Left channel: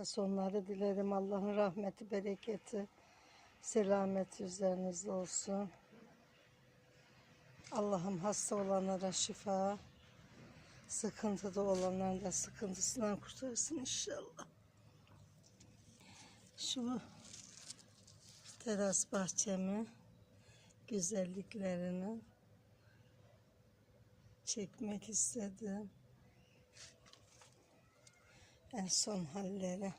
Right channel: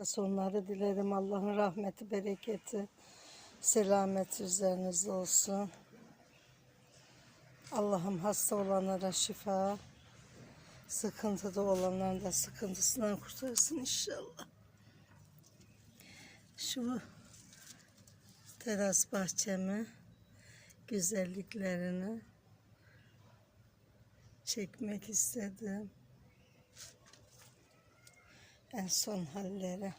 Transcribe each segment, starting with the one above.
sonları dilerim. Allah'ın rahmeti, bereketi, selameti üzerinizde olsun. Allah'ım hasta olanlara şifa, sıkıntıda olanların da sıkıntısından kurtarsın inşallah. Şu teras bahçemi, güzelliklerini çekmek istedim. En son halleri.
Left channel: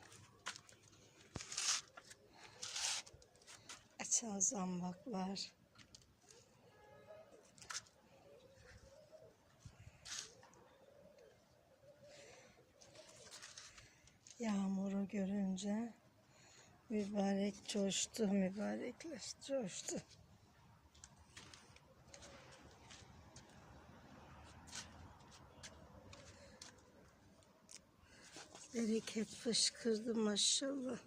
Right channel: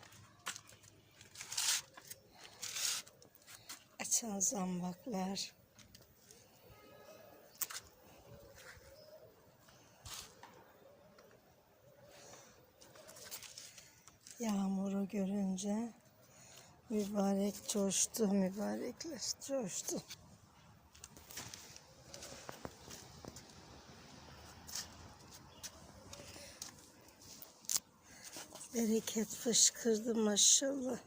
Açan zambaklar. Yağmuru görünce mübarek coştu, mübarekler coştu. Bereket fışkırdı maşallah.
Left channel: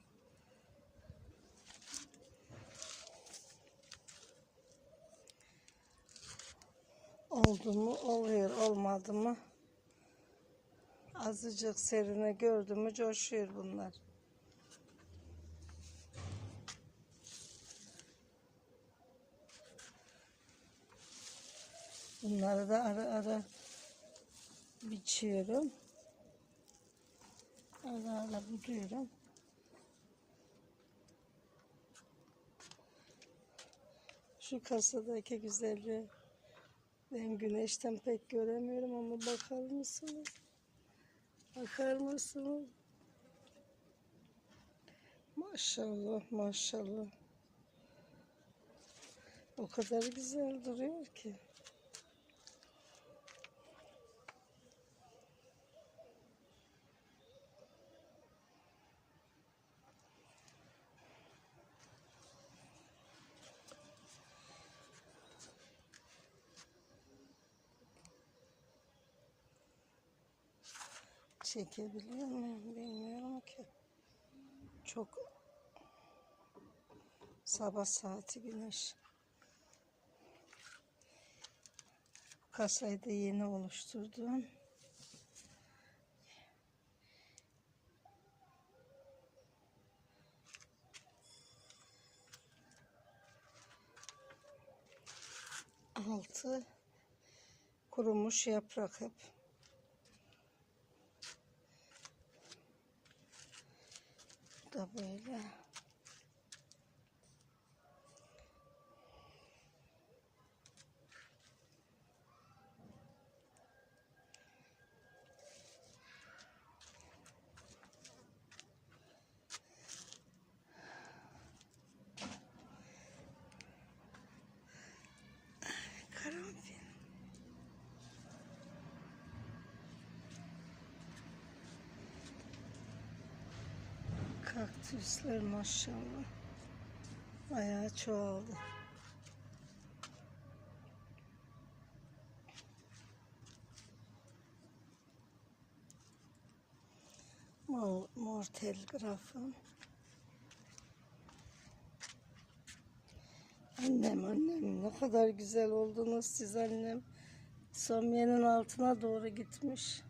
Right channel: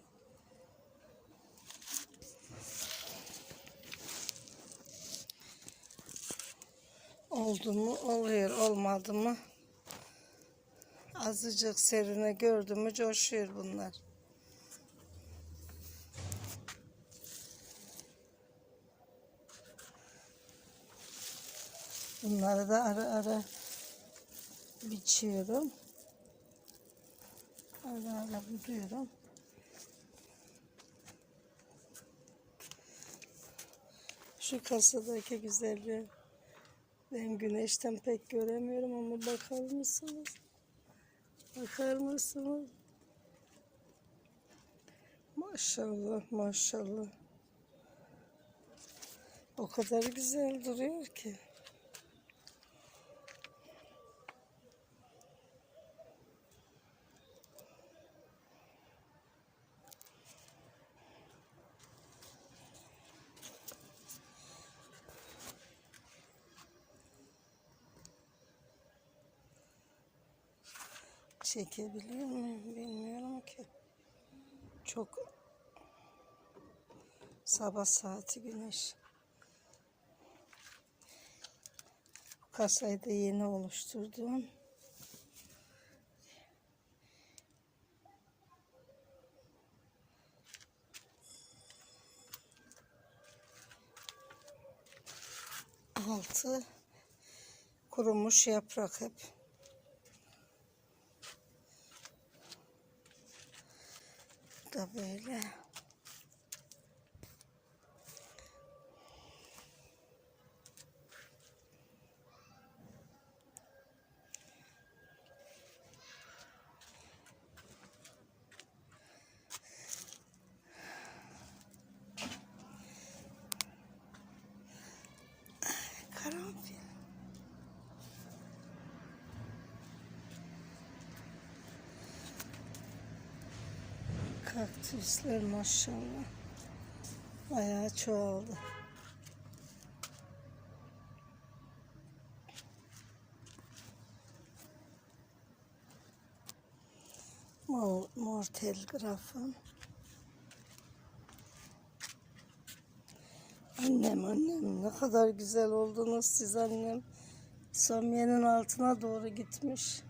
Oldu mu oluyor, olmadı mı? Azıcık serine gördü mü coşuyor bunlar. Bunları da ara ara biçiyorum. Ara ara buluyorum. Şu kasadaki güzelliği ben güneşten pek göremiyorum ama bakar mısınız? Bakar mısınız? Maşallah maşallah. O kadar güzel duruyor ki. Çekebiliyor muyum bilmiyorum ki. Çok sabah saati güneş. Bu kasayı da yeni oluşturdum. Altı kurumuş yaprak hep. Bu da böyle. Karanfil. Kaktüsler maşallah. Bayağı çoğaldı. Mor, mor telgrafım. Annem annem ne kadar güzel oldunuz siz annem. Somyenin altına doğru gitmiş.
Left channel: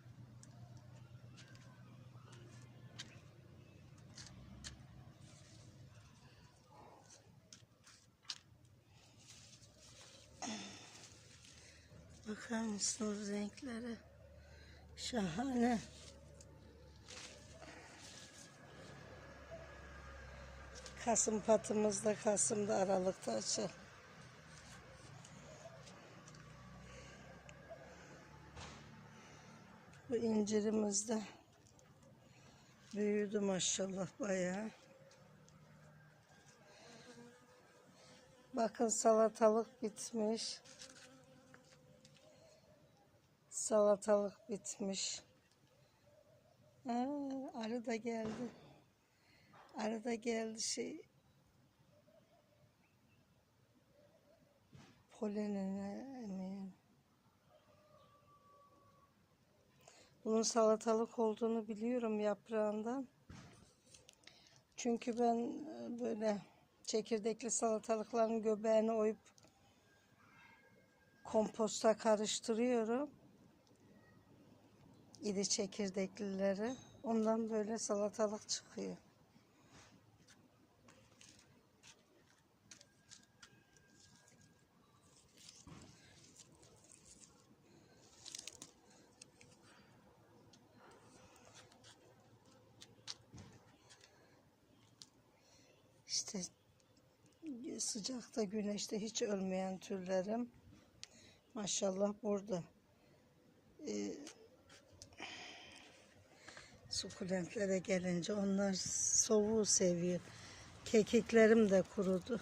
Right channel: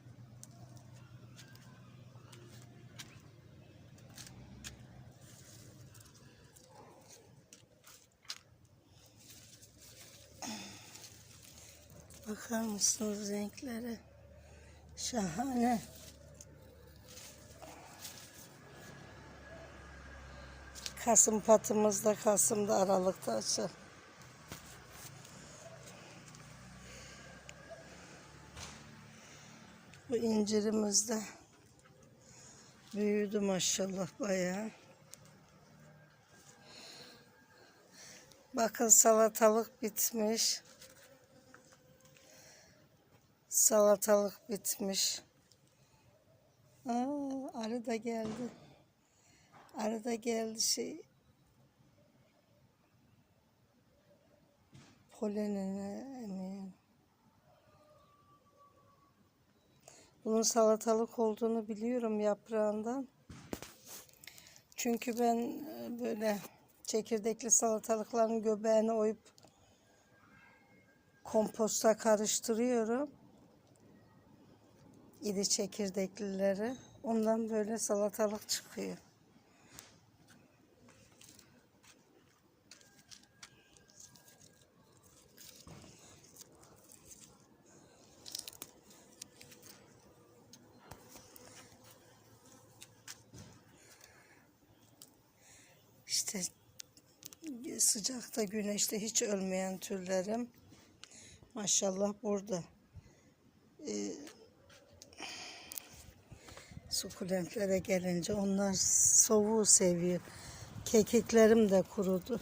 Bakar mısınız renklere? Şahane. Kasım patımızda Kasım'da Aralık'ta açar. Bu incirimiz de büyüdü maşallah bayağı. Bakın salatalık bitmiş. Salatalık bitmiş. Aa, arı da geldi. Arı da geldi şey. Polenini emiyor. Bunun salatalık olduğunu biliyorum yaprağından. Çünkü ben e, böyle çekirdekli salatalıkların göbeğini oyup komposta karıştırıyorum. İri çekirdeklileri. Ondan böyle salatalık çıkıyor. İşte sıcakta güneşte hiç ölmeyen türlerim maşallah burada. Ee, sukulentlere gelince onlar soğuğu seviyor. Kekiklerim de kurudu.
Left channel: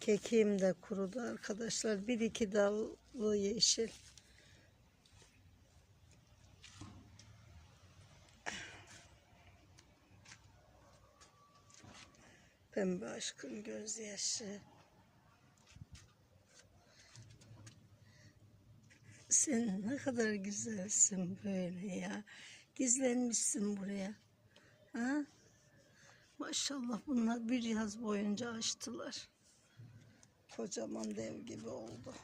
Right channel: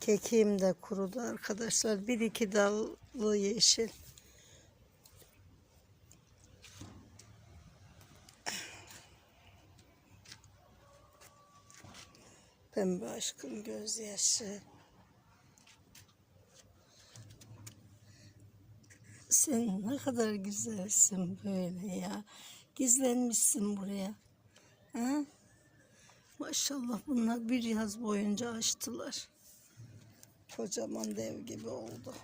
Kekiğim de kurudu arkadaşlar. Bir iki dallı yeşil. Pembe aşkın gözyaşı. Sen ne kadar güzelsin böyle ya. Gizlenmişsin buraya. Ha? Maşallah bunlar bir yaz boyunca açtılar. Kocaman dev gibi oldu.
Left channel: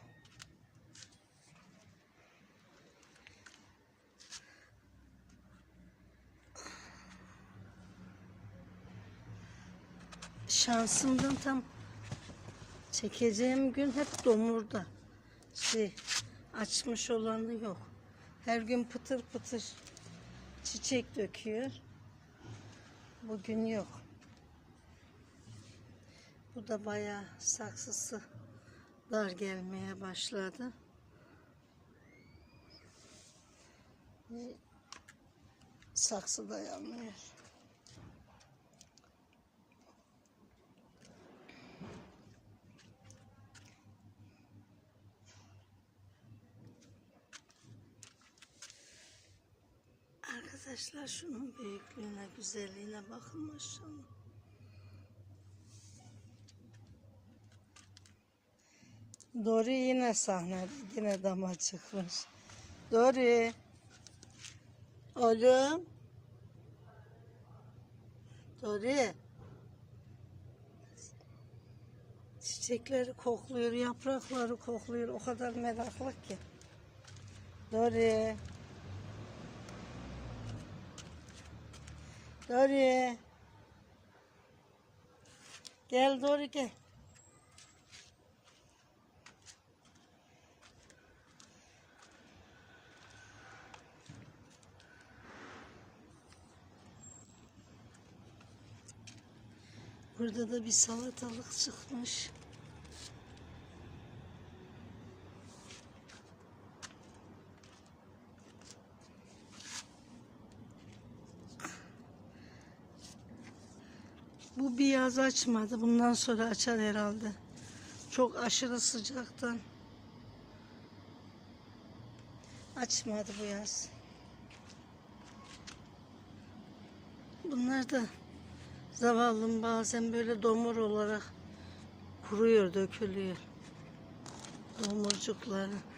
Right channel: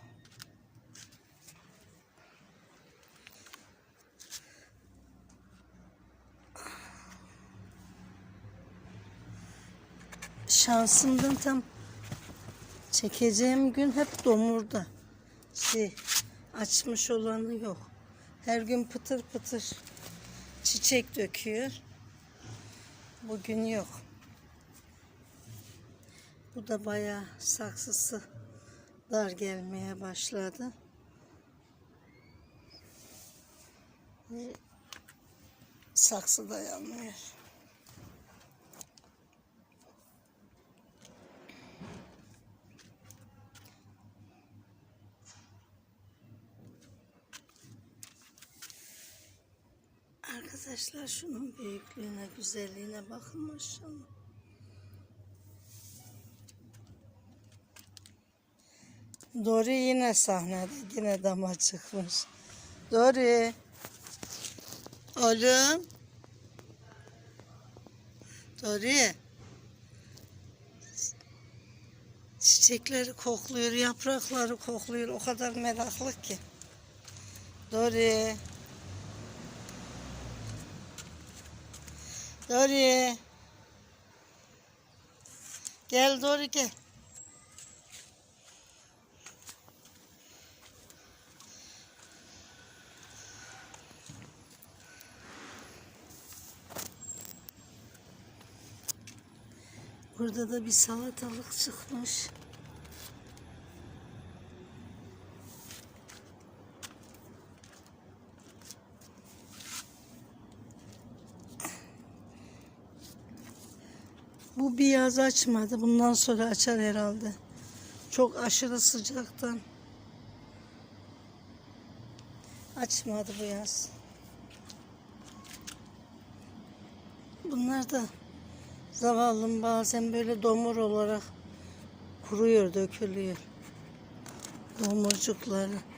Şansımdan tam çekeceğim gün hep domurda. Şey açmış olanı yok. Her gün pıtır pıtır çiçek döküyor. Bugün yok. Bu da bayağı saksısı dar gelmeye başladı. Saksı dayanmıyor. Arkadaşlar şunun büyüklüğüne, güzelliğine bakın maşallah. Dori yine sahnede, yine dama çıkmış. Dori. Oğlum. Dori. Çiçekleri kokluyor, yaprakları kokluyor. O kadar meraklı ki. Dori. Dori. Gel Dori gel. Burada da bir salatalık çıkmış. Bu bir yaz açmadı. Bundan sonra açar herhalde. Çok aşırı sıcaktan. Açmadı bu yaz. Bunlar da zavallım bazen böyle domur olarak kuruyor, dökülüyor. Domurcukları.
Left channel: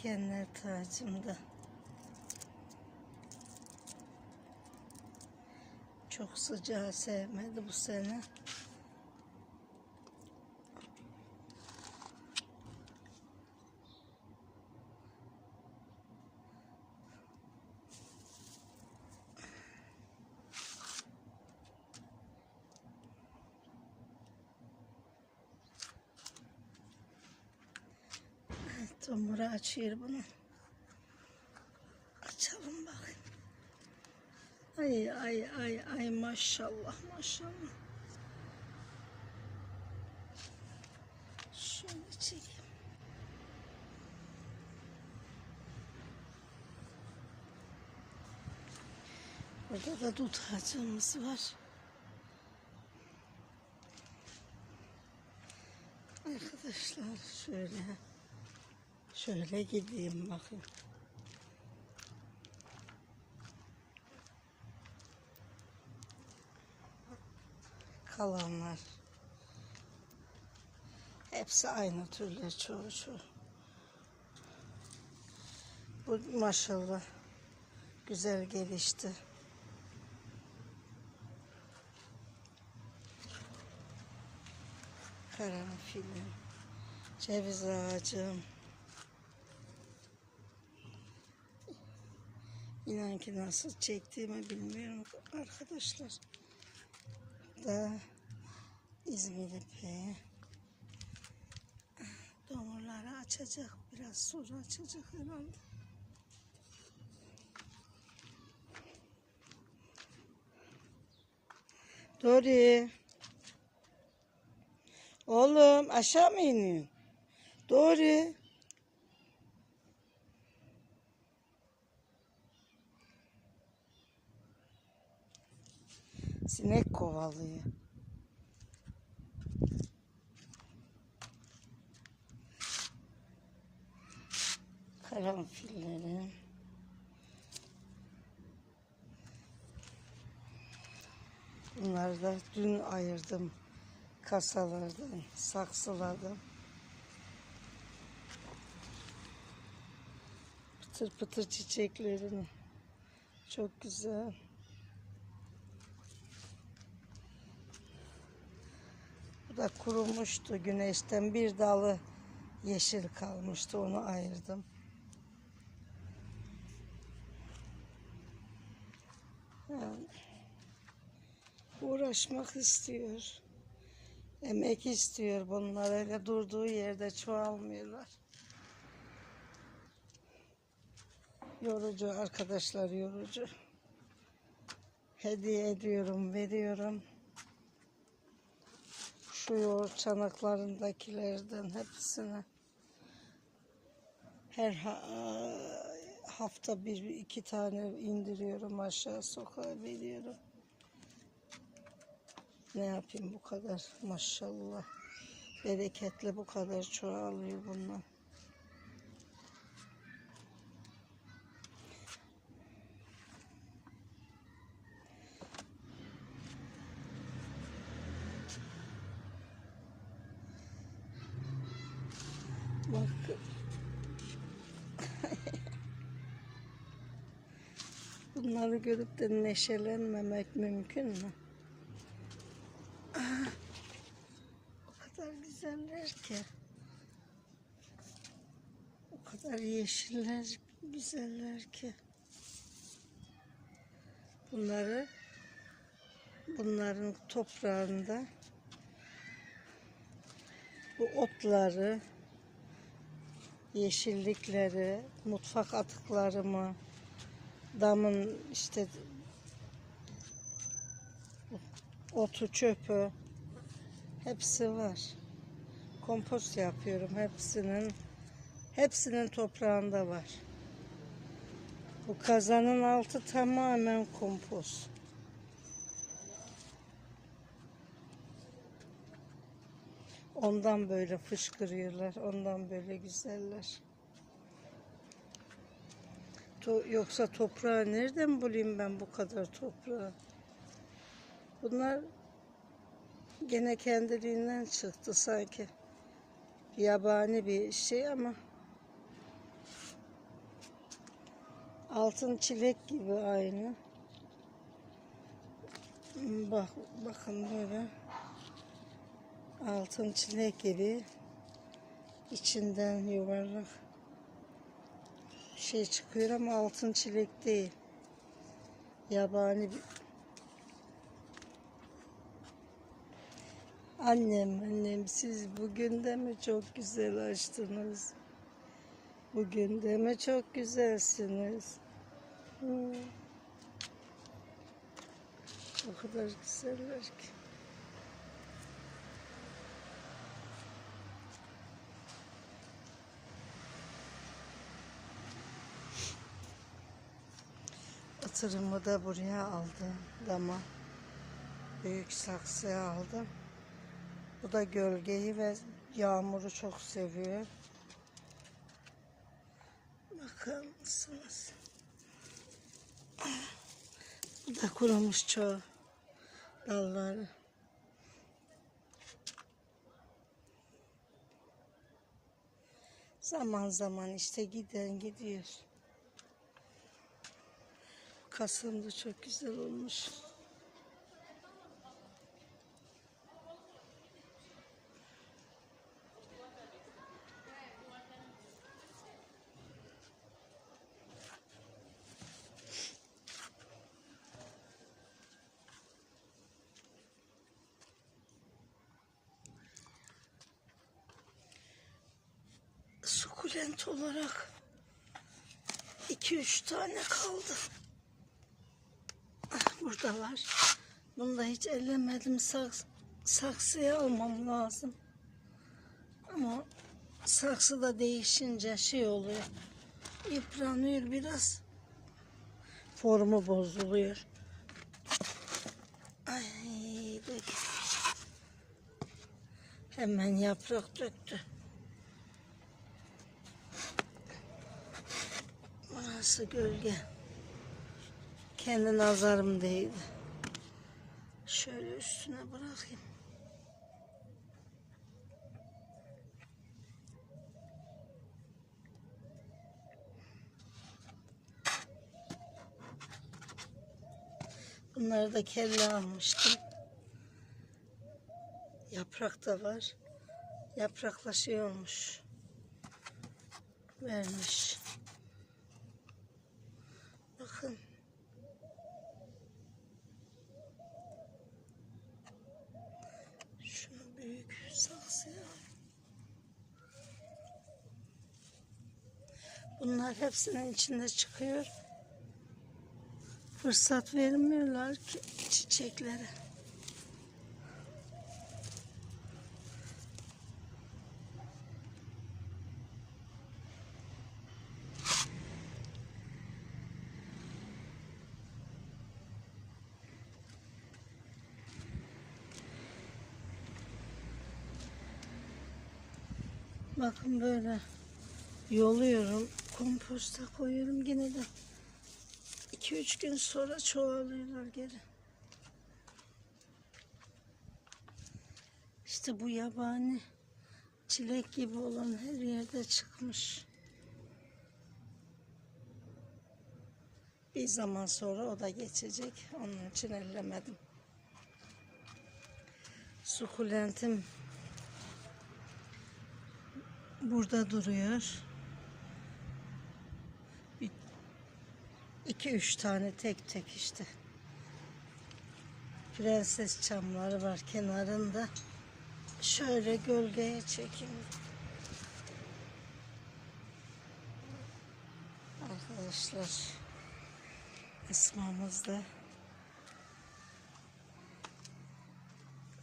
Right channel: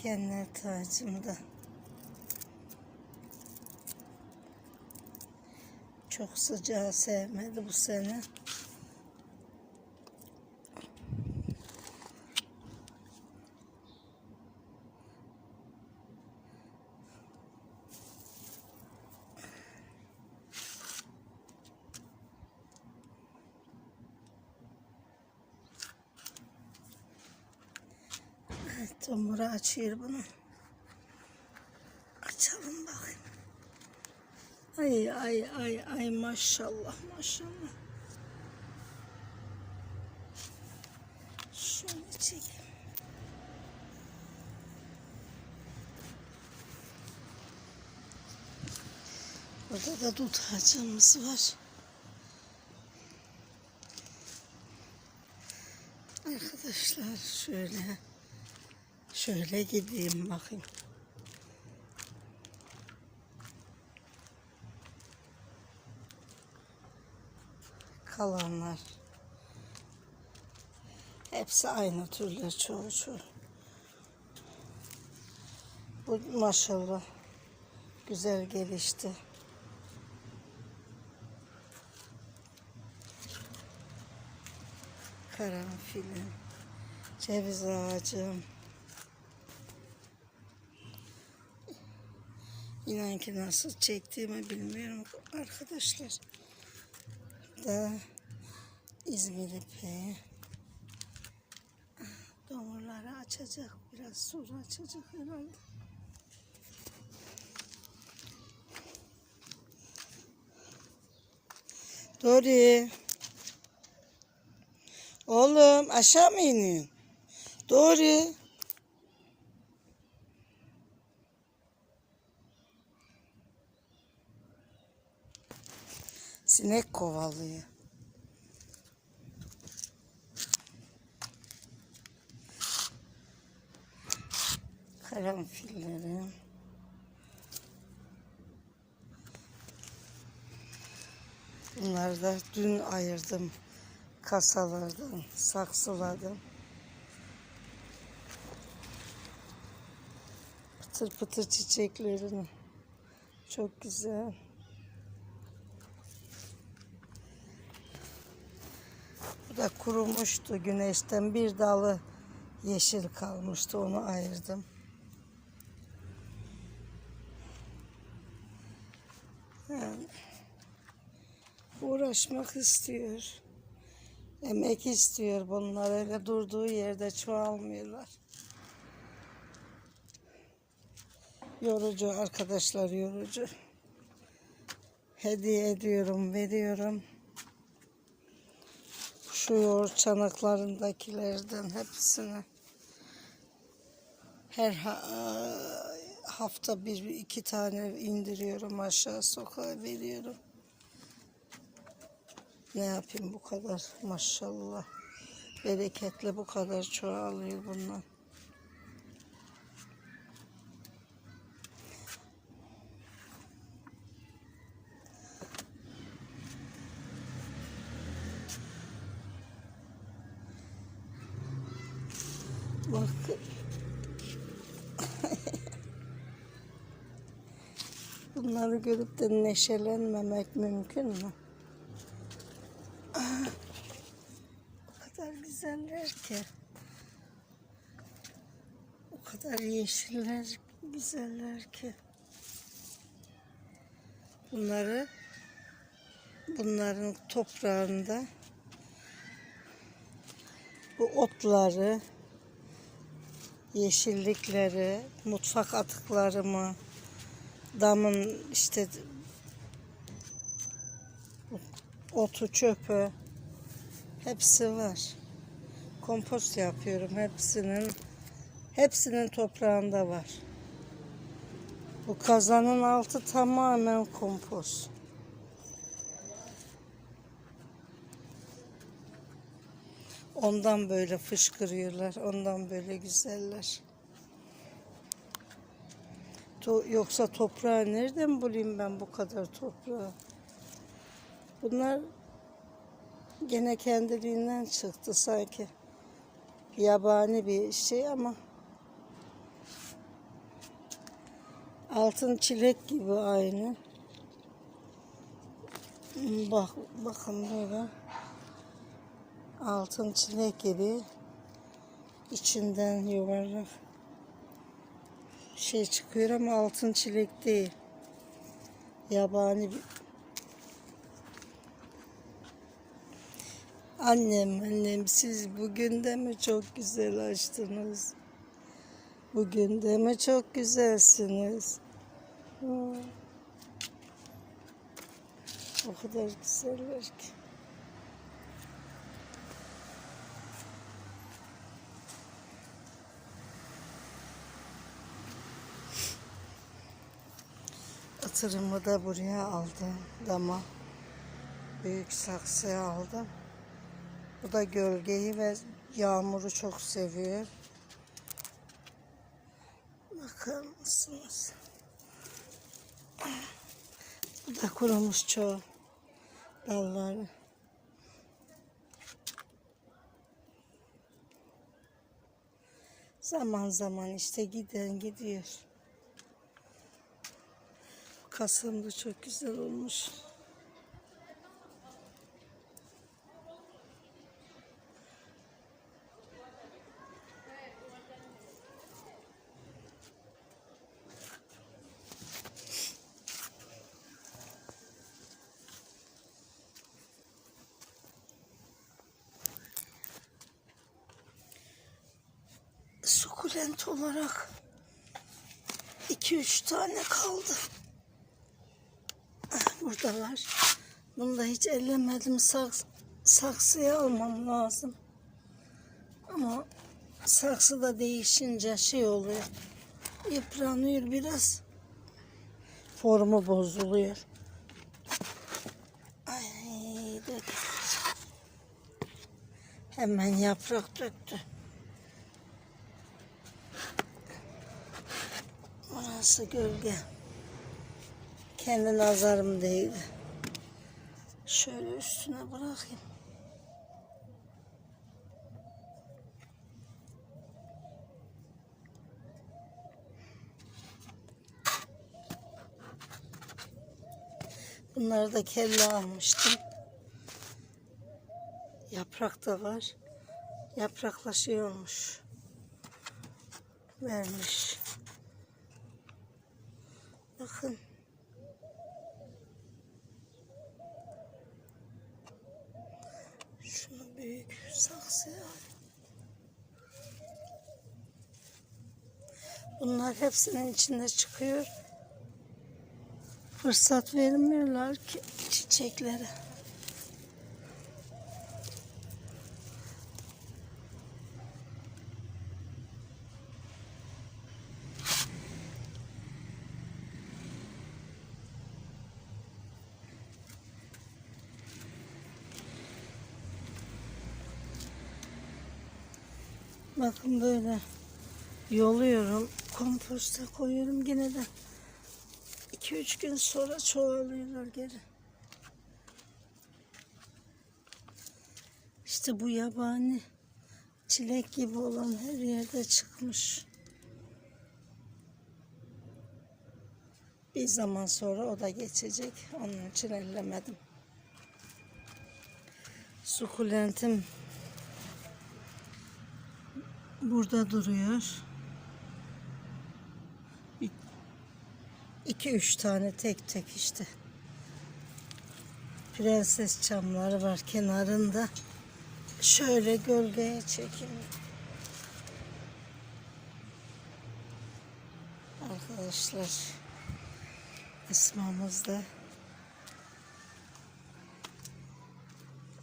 Dikenler tacımda. Çok sıcağı sevmedi bu sene. Tomuru açıyor bunu. Açalım bakayım. Ay ay ay ay maşallah maşallah. Şöyle çekeyim. Burada da dut ağacımız var. Arkadaşlar şöyle şöyle gideyim bakayım. kalanlar. Hepsi aynı türler çoğu çoğu. Bu maşallah güzel gelişti. Karanfilim, ceviz ağacım. İnan ki nasıl çektiğimi bilmiyorum arkadaşlar. Da İzmir ipeği. Domurları açacak. Biraz sonra açacak herhalde. Dori. Oğlum aşağı mı iniyorsun? Dori. Sinek kovalıyor. Karanfillerim. Bunları da dün ayırdım. Kasalardan saksıladım. Pıtır pıtır çiçeklerini. Çok güzel. Bu da kurumuştu güneşten. Bir dalı yeşil kalmıştı. Onu ayırdım. Yani uğraşmak istiyor. Emek istiyor bunlar. Öyle durduğu yerde çoğalmıyorlar. Yorucu arkadaşlar yorucu. Hediye ediyorum, veriyorum. Yoğurt çanaklarındakilerden hepsini her ha- hafta bir iki tane indiriyorum aşağı sokağa veriyorum. Ne yapayım bu kadar maşallah. Bereketli bu kadar çoğalıyor bunlar. Bak. Bunları görüp de neşelenmemek mümkün mü? Ah, O kadar güzeller ki. O kadar yeşiller, güzeller ki. Bunları bunların toprağında bu otları yeşillikleri, mutfak atıklarımı, damın işte otu çöpü hepsi var. Kompost yapıyorum hepsinin. Hepsinin toprağında var. Bu kazanın altı tamamen kompost. Ondan böyle fışkırıyorlar. Ondan böyle güzeller. To- yoksa toprağı nereden bulayım ben bu kadar toprağı? Bunlar gene kendiliğinden çıktı sanki. Yabani bir şey ama altın çilek gibi aynı. Hmm, Bak bakın böyle altın çilek gibi içinden yuvarlak şey çıkıyor ama altın çilek değil. Yabani bir Annem, annem siz bugün de mi çok güzel açtınız? Bugün de mi çok güzelsiniz? Hmm. O kadar güzeller ki. Atırımı da buraya aldım. Dama. Büyük saksıya aldım. Bu da gölgeyi ve yağmuru çok seviyor. Bakar mısınız? Bu da kurumuş çoğu dalları. Zaman zaman işte giden gidiyor. Kasım da çok güzel olmuş. Sukulent olarak 2-3 tane kaldı. Burada. Bunu da hiç ellemedim. Saks saksıya almam lazım. Ama saksı da değişince şey oluyor. Yıpranıyor biraz. Formu bozuluyor. Hemen yaprak döktü. Orası gölge. Kendi nazarım değdi. Şöyle üstüne bırakayım. Bunları da kelle almıştım. Yaprak da var. Yapraklaşıyormuş. Vermiş. Bakın. Büyük saksıya al. Bunlar hepsinin içinde çıkıyor. Fırsat vermiyorlar ki çiçeklere. Bakın böyle yoluyorum. Komposta koyuyorum yine de 2-3 gün sonra çoğalıyorlar geri. İşte bu yabani çilek gibi olan her yerde çıkmış. Bir zaman sonra o da geçecek. Onun için ellemedim. Sukulentim burada duruyor. Bir, iki üç tane tek tek işte. Prenses çamları var kenarında. Şöyle gölgeye çekeyim. Arkadaşlar ısmamız da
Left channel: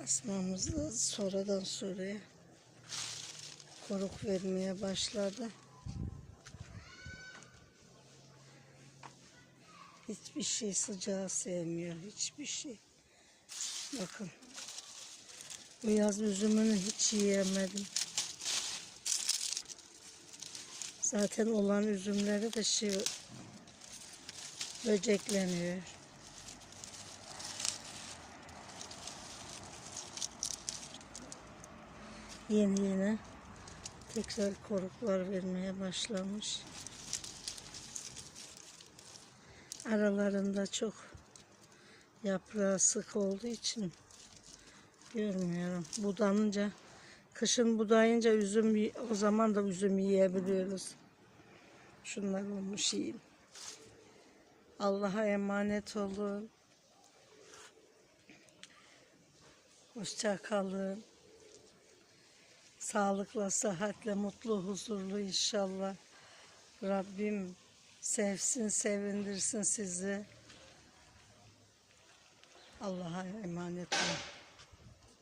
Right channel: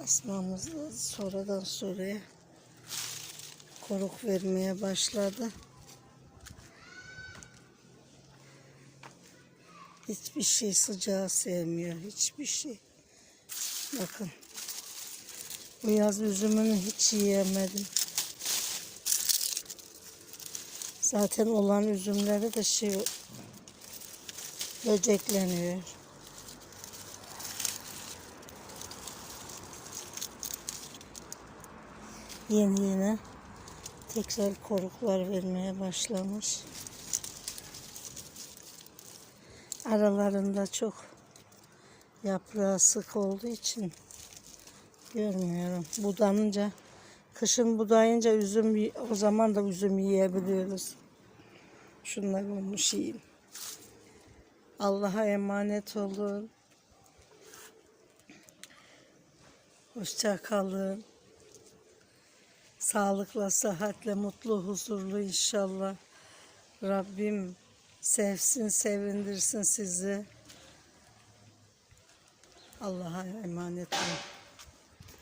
ısmamız da sonradan sonraya koruk vermeye başladı. Hiçbir şey sıcağı sevmiyor. Hiçbir şey. Bakın. Bu yaz üzümünü hiç yiyemedim. Zaten olan üzümleri de şey böcekleniyor. Yeni yeni tekrar koruklar vermeye başlamış. Aralarında çok yaprağı sık olduğu için görmüyorum. Budanınca, kışın budayınca üzüm, o zaman da üzüm yiyebiliyoruz. Şunlar olmuş yiyeyim. Allah'a emanet olun. Hoşça kalın. Sağlıkla, sıhhatle, mutlu, huzurlu inşallah. Rabbim sevsin, sevindirsin sizi. Allah'a emanet olun.